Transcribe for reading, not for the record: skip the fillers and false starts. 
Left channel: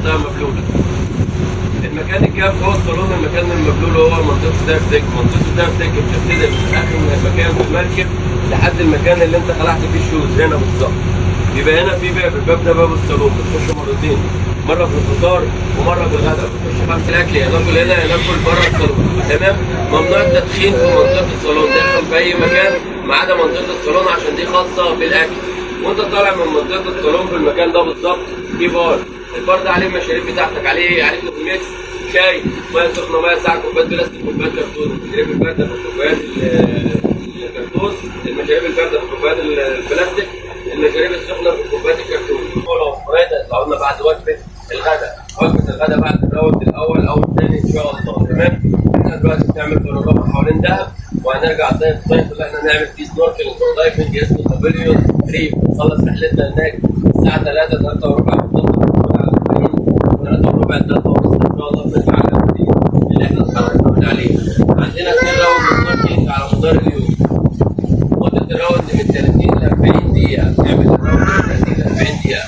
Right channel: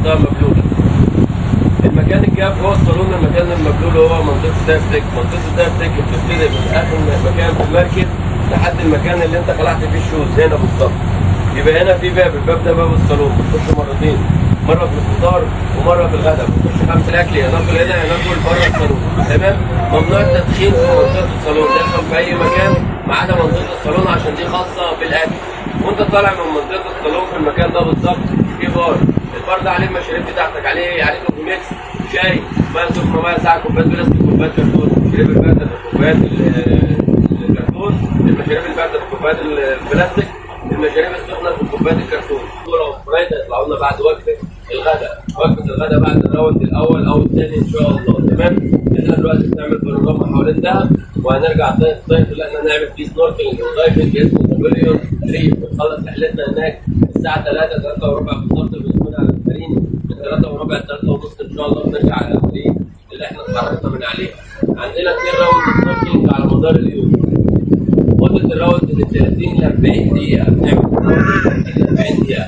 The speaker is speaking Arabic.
منطقه مبلوله. المكان الجاف هو الصالون. المكان المبلول هو منطقه دايف ديك. منطقه الدايف ديك بتبتدي من اخر مكان في المركب لحد المكان اللي انت خلعت فيه الشوز هنا بالظبط. بيبقى هنا في باب، الباب ده باب الصالون، بتخش مرتين، مره في الفطار ومره في الغداء. بتخش 5 الاكل يناكل هنا يناكل بره الصالون. تمام. ممنوع التدخين في منطقه الصالون، تدخل في اي مكان ما عدا منطقه الصالون عشان دي خاصه بالاكل. وانت طالع من منطقه الصالون في المكان ده بالظبط في بار. البار ده عليه المشاريب بتاعتك، عليه كوفي ميكس، شاي، ميه سخنه، ميه ساقعه، كوبايات بلاستيك، كوبايات كرتون. المشاريب البارده في كوبايات الكرتون، المشاريب البارده في كوبايات البلاستيك، المشاريب السخنه في كوبايات الكرتون. كلهم سبرايت هيطلعوا لنا بعد وجبه الغداء. وجبه الغداء بعد الراوند الاول او الثاني ان شاء الله. تمام. احنا دلوقتي بنعمل بانوراما حوالين دهب، وهنرجع الصيف اللي احنا نعمل فيه سنوركلينج ودايفنج اسمه بافيليون ريف. بنخلص رحلتنا هناك الساعه 3 وربع بالظبط. بنكون على المارين من 3 وربع ل 3 ونص ان شاء الله. بنرجع على المارين اللي احنا اتحركنا من عليه. عندنا 2 راوند سنوركلينج على مدار اليوم. مده الراوند من 30 ل 40 دقيقه. بنعمل الراوند من 30 ل 40 دقيقه.